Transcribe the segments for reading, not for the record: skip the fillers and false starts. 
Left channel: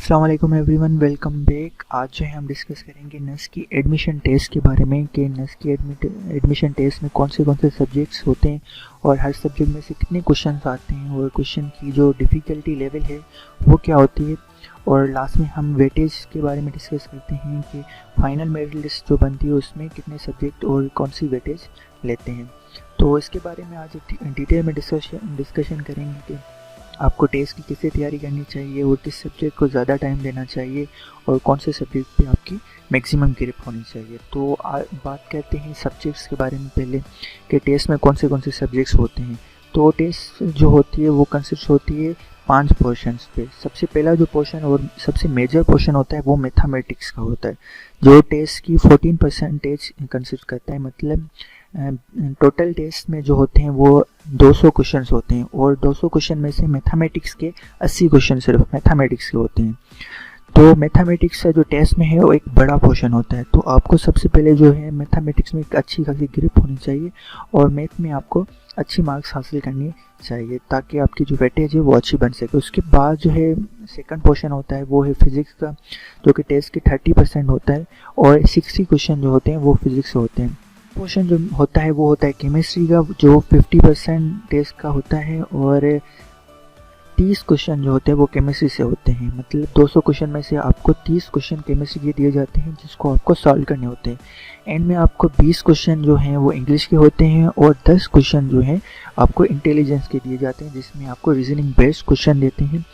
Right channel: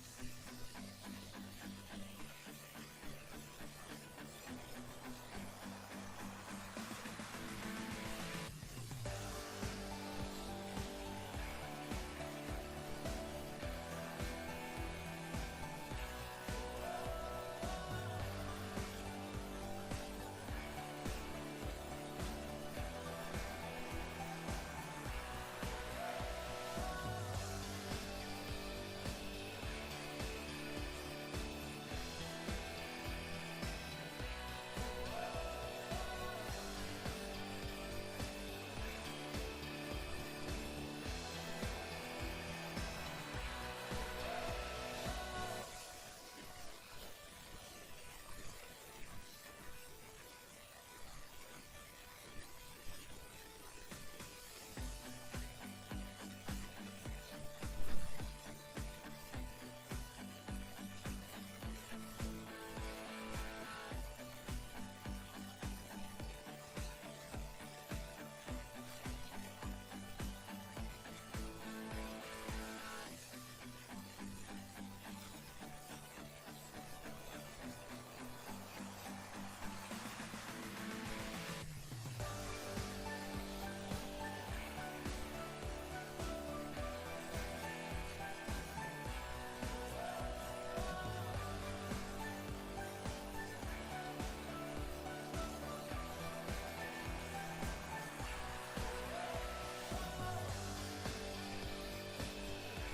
अस्सलाम वालेकुम everyone, welcome back. आज जो है हम डिस्कस करेंगे नेस्ट की एडमिशन टेस्ट के बारे में कि नेस्ट की एडमिशन टेस्ट में कौन से सब्जेक्ट्स होते हैं और हर सब्जेक्ट में से कितने क्वेश्चन आते हैं और क्वेश्चन की जो डिफ़िकल्टी लेवल है वो क्या होती है। और लास्ट में हम वेटेज के बारे में डिस्कस करते हैं कि फाइनल मेरिट लिस्ट जो बनती है उसमें कितने सब्जेक्ट और कौन सी वेटेज लेते हैं। तो इसके बारे में आज डिटेल में डिस्कशन करेंगे कि आपको टेस्ट की किससे तैयारी करनी चाहिए और किस सब्जेक्ट को ज़्यादा टाइम देना चाहिए और कौन से सब्जेक्ट पे आपकी मैक्सिमम ग्रिप होनी चाहिए। तो बात करते हैं सब्जेक्ट्स के बारे में पहले कि टेस्ट में कौन से सब्जेक्ट्स होते हैं। तो टेस्ट जो होती है वो कंसिस्ट होती है 5 पोर्शंस पे। सबसे पहला जो पोर्शन और सबसे मेजर पोर्शन होता है वो मैथमेटिक्स का होता है, जो टेस्ट की 14% कंसिस्ट करता है। मतलब टोटल टेस्ट में जो होते हैं वो 200 क्वेश्चन होते हैं और 200 क्वेश्चन में से मैथमेटिक्स के 80 क्वेश्चन सिर्फ मैथमेटिक्स के होते हैं। तो मैथमेटिक्स का जो टेस्ट में है वो एक बड़ा पोर्शन होता है। तो आपको सबसे पहले जो है मैथमेटिक्स में एक अच्छी खासी ग्रिप होनी चाहिए और मैथ में आपको अच्छी मार्क्स हासिल करनी चाहिए ताकि आपकी जो वेटेज है वो अच्छी बन सके। उसके बाद जो है सेकंड पोर्शन होता है वो है फिज़िक्स का, जो कि टेस्ट के 30% होता है और 60 क्वेश्चन जो होते हैं वो फिज़िक्स से होते हैं। पोर्शन जो होता है वो होता है केमिस्ट्री का, जो 50% टेस्ट का होता है और 30 क्वेश्चन जो होते हैं वो केमिस्ट्री से होते हैं। मतलब 200 क्वेश्चन में से आपको 30 क्वेश्चन केमिस्ट्री के दिए जाते हैं जिसको आपको सॉल्व करने होते हैं। एंड में आपको 20 क्वेश्चन जो हैं वो इंग्लिश के होते हैं और 10 क्वेश्चन जो हैं आपको इंटेलिजेंस के दिए जाते हैं, जिसमें आपको रीजनिंग बेस्ड क्वेश्चन देते हैं।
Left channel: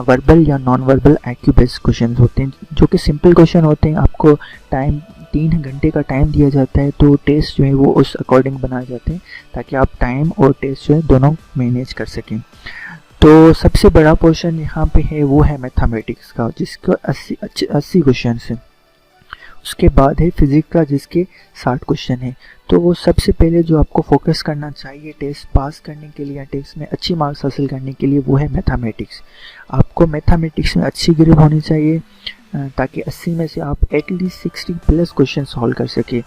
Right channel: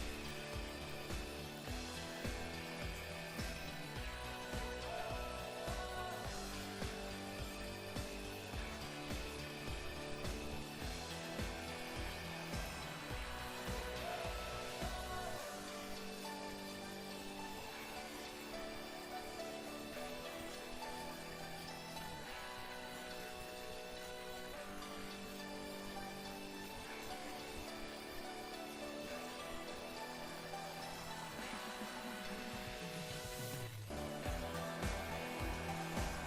वर्बल या non verbal IQ based question होते हैं जो कि सिंपल क्वेश्चन होते हैं। आपको टाइम 3 घंटे का टाइम दिया जाता है, तो टेस्ट जो है वो उस अकॉर्डिंग बनाए जाते हैं ताकि आप टाइम और टेस्ट जो है दोनों मैनेज कर सकें। तो सबसे बड़ा पोर्शन यहाँ पे है वो है मैथमेटिक्स का, जिसका 80 क्वेश्चन है। उसके बाद है फिजिक्स का जिसके 60 क्वेश्चन है। तो वो सबसे पहले जो आपको फोकस करना चाहिए टेस्ट पास करने के लिए या टेस्ट में अच्छी मार्क्स हासिल करने के लिए वो है मैथमेटिक्स। आपको मैथमेटिक्स में अच्छी ग्रिप होनी चाहिए ताकि 80 में से आप एटलीस्ट 60 प्लस क्वेश्चन सॉल्व कर सके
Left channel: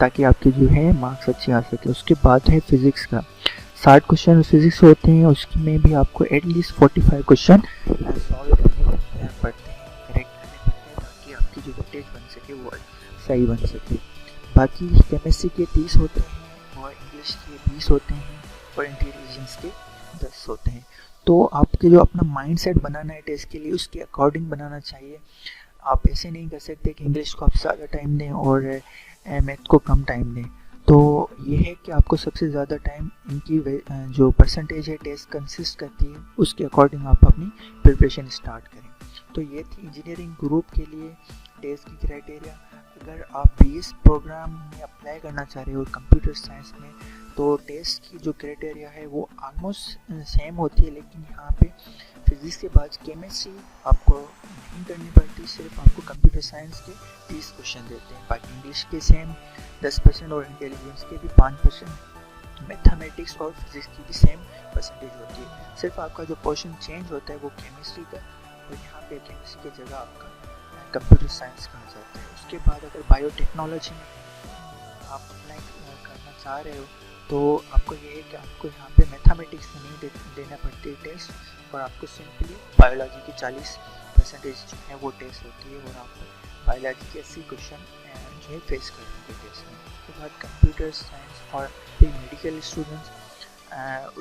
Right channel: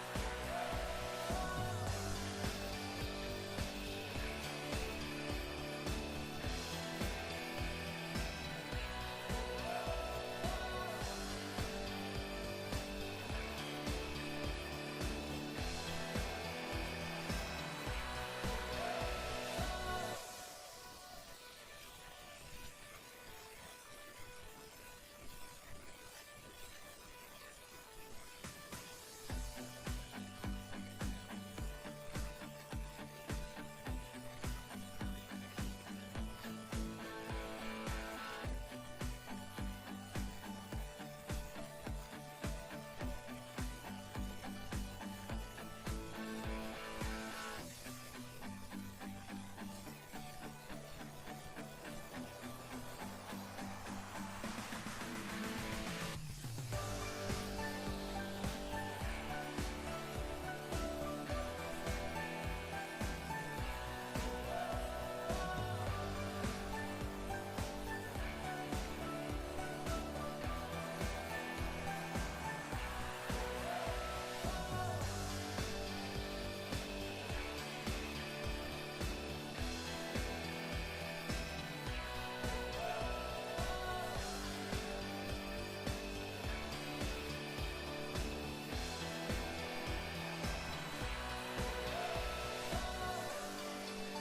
ताकि आपके जो है मार्क्स अच्छे आ सके। उसके बाद है फिजिक्स का 60 क्वेश्चन फिजिक्स होते हैं, उसमें भी आपको एटलीस्ट 45 क्वेश्चन सॉल्व करने पड़ते हैं ताकि आपकी जो वेटेज बन सके वो सही बन सके। बाकी केमिस्ट्री के 30 होते हैं और इंग्लिश के 20 होते हैं और इंटेलिजेंस के 10 होते हैं। तो आपके जो अपना माइंडसेट बनाना है टेस्ट के लिए उसके अकॉर्डिंग बनाना चाहिए। आप ऐसे नहीं कर सकते कि इंग्लिश को आप ज़्यादा टाइम दें और मैथ को कम टाइम दें। तो ये है कि आपको सबसे ज़्यादा टाइम इनकी जो परसेंटेज है टेस्ट कंसिस्ट करती है उसके अकॉर्डिंग आप अपनी प्रिपरेशन स्टार्ट करें। तो ये थी इंजीनियरिंग ग्रुप के लिए टेस्ट की क्राइटेरिया। अगर आप BS प्रोग्राम में अप्लाई करना चाह रहे हो कंप्यूटर साइंस में तो टेस्ट की जो क्राइटेरिया है वो ऑलमोस्ट सेम होती है, लेकिन यहाँ पे फिजिक्स के बाद केमिस्ट्री आपको नहीं करनी पड़ती, सिर्फ आपको कंप्यूटर साइंस के 30 क्वेश्चन देते हैं। बाकी इंग्लिश के सेम 10% और इंटेलिजेंस के भी 5%। मैथमेटिक्स और फिजिक्स की भी सेम परसेंटेज होती है, सिर्फ आपका जो पोर्शन चेंज होता है वो केमिस्ट्री का, यहाँ पे केमिस्ट्री की जगह आपका कंप्यूटर साइंस का आ जाता है। उसके बाद अगर बायोटेक्नोलॉजी आप अप्लाई करना चाह रहे हो तो आपको ये है कि आपको यहाँ पे मैथमेटिक्स देना पड़ती है टेस्ट और आपको सिंपली बायोलॉजी की 40% जो है वो टेस्ट होती है और आपको बायोलॉजी के 80 क्वेश्चन जो है फेस करना है। उसके बाद कंप्यूटर साइंस और फिर मेडिकल स्टूडेंट्स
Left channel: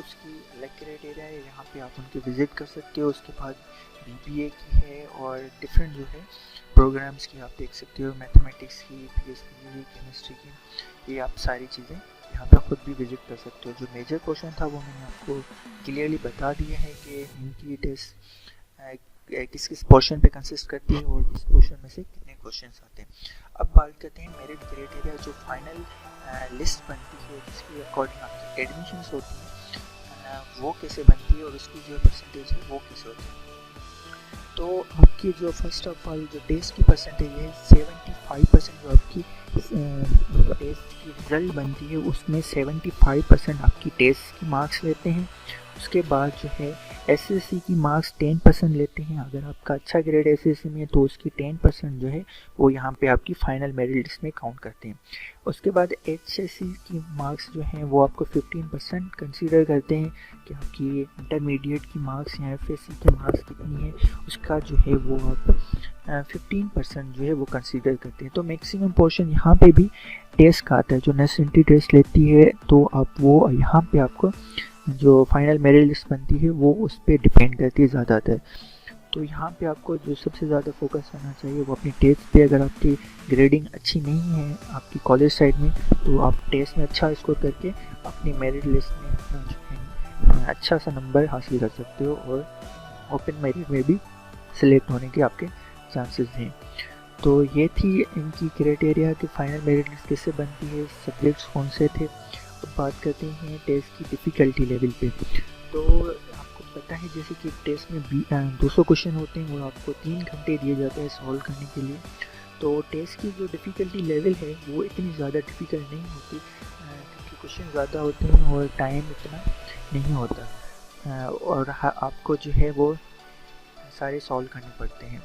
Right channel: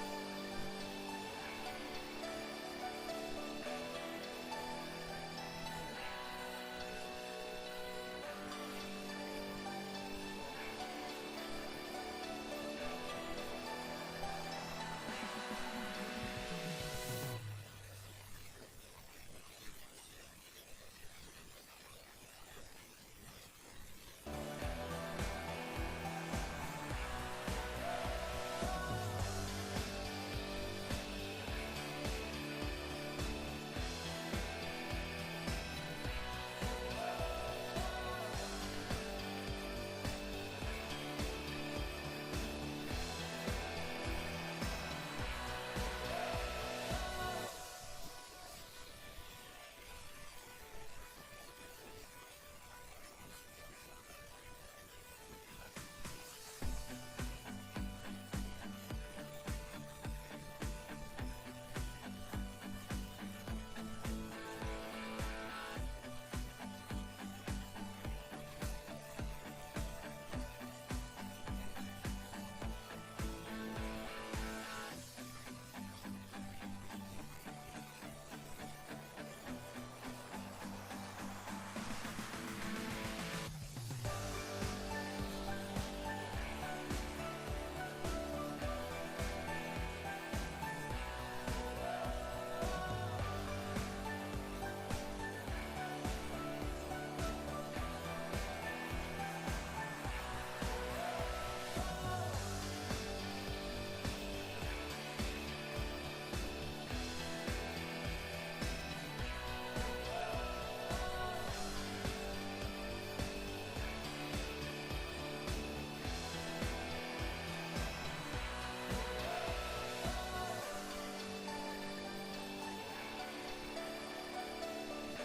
उसकी अलग क्राइटेरिया है, यहाँ पे आप उनको विजिट कर सकते हो। उसके बाद BBA की है और डिफरेंट जो है प्रोग्राम्स की आप देख सकते हो, मैथमेटिक्स की, फिजिक्स की, केमिस्ट्री की, ये आप सारी चीज़ें यहाँ पे खुद भी विजिट कर सकते हो। जो मेजर क्वेश्चन था वो मैंने आपको क्लियरली बता दिया है कि इनकी टेस्ट किस किस पोर्शन पे कंसिस्ट करती है और किस पोर्शन में से कितने क्वेश्चन आते हैं। अब बात करते हैं मेरिट क्राइटेरिया, जो फाइनल लिस्ट बनती है जिसके अकॉर्डिंग आपकी एडमिशन होती है वो कैसे बनती है और उसकी जो परसेंटेज है वो कैसे होती है। तो आपकी जो फर्स्ट ऑफ ऑल जो टेस्ट की परसेंटेज है 75% जो आपकी टेस्ट की रिजल्ट बनती है उसमें 75% आपकी टेस्ट की मार्क्स लेते हैं। उसके बाद जो है SSC की मार्क्स 10% लेते हैं। अगर आपका अच्छा ग्रेड SSC में है तो उसकी 10% जो है वो यहाँ पे आपकी फाइनल मेरिट लिस्ट में काउंट करते हैं। उसके बाद HSC की मार्क्स जो हैं वो आपको 15% कंसीडर करते हैं, कि आपकी इंटरमीडिएट की मार्क्स या एफएससी के मार्क्स कितनी है, उसका जो है वो आप 15% जो है वो कंसीडर करते हैं। तो मैक्सिमम पोर्शन यहाँ पे भी टेस्ट का आता है, जो नेस एंट्री टेस्ट लेती है, तो आप वो यहाँ पे आपको जो फाइनल मेरिट लिस्ट बनती है वो उस पर डिपेंड करती है ज़्यादातर। तो यहाँ पे आपको जो सबसे ज़्यादा फोकस करना चाहिए वो अपनी टेस्ट पे। अगर आपकी ग्रेडिंग अच्छी नहीं है आपकी कॉलेज साइड में, तो आप टेस्ट में अच्छा स्कोर करके अपनी मेरिट लिस्ट में अच्छा सा नंबर हासिल कर सकते हो और ओपन मेरिट में भी सिलेक्ट होने के आपके चांसेस हैं। तो ये थी इनकी क्राइटेरिया कि फाइनल मेरिट लिस्ट कैसे बनती है, सब्जेक्ट्स कौन से थे। तो बात करते हैं टेस्ट की डिफ़िकल्टी लेवल पे। तो आपको पता है जैसे कि टेस्ट में 200 क्वेश्चन होते हैं और आपको 3 घंटे दिए जाते हैं सॉल्व करने के लिए। तो टेस्ट की जो डिफ़िकल्टी लेवल है वो इतनी ज़्यादा डिफ़िकल्ट नहीं होती, क्वेश्चन ज़्यादा होते हैं और टाइम इतना नहीं होता, और आपको जो है वो सारे सॉल्व करने पड़ते हैं।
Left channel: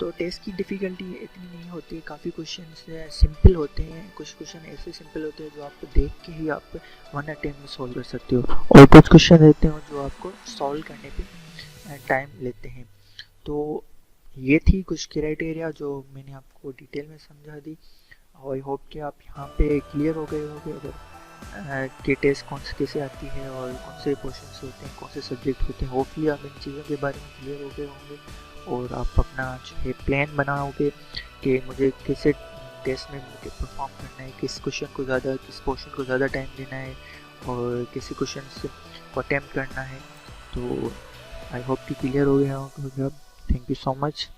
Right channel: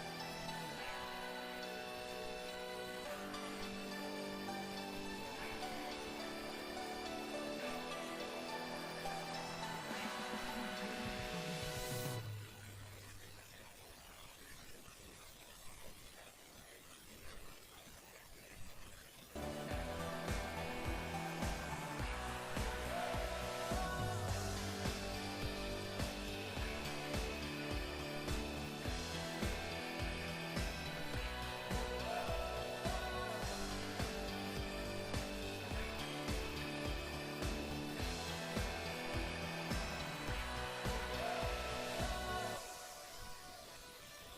तो टेस्ट की डिफ़िकल्टी इतनी नहीं होती, काफ़ी क्वेश्चन सिंपल होते हैं, कुछ क्वेश्चन ऐसे सिंपल होते हैं जो आपको देख के ही आप 1 अटेम्प्ट में सॉल्व कर सकते हो, और कुछ क्वेश्चन रहते हैं जो आपको सॉल्व करने पे टाइम लेते हैं। तो ये थी कुछ क्राइटेरिया जो मैंने आपको डिटेल में समझा दी। आई होप कि आप यहाँ पे क्लियर हो गए होंगे कि टेस्ट कौन से कैसे आती है और कौन से क्वेश्चन होते हैं, कौन से सब्जेक्ट होते हैं। होपफुली आप इन चीज़ों के बारे में क्लियर हो गए होंगे और आप अपना जो है प्लान बनाओगे कि मुझे कैसे टेस्ट में परफॉर्म करना है, किस क्वेश्चन को ज़्यादा, किस पोर्शन को ज़्यादा टाइम देना है और किसी क्वेश्चन को अटैम्प्ट करना है। तो आई होप कि क्लियर हो गया होगा। Thank you so much.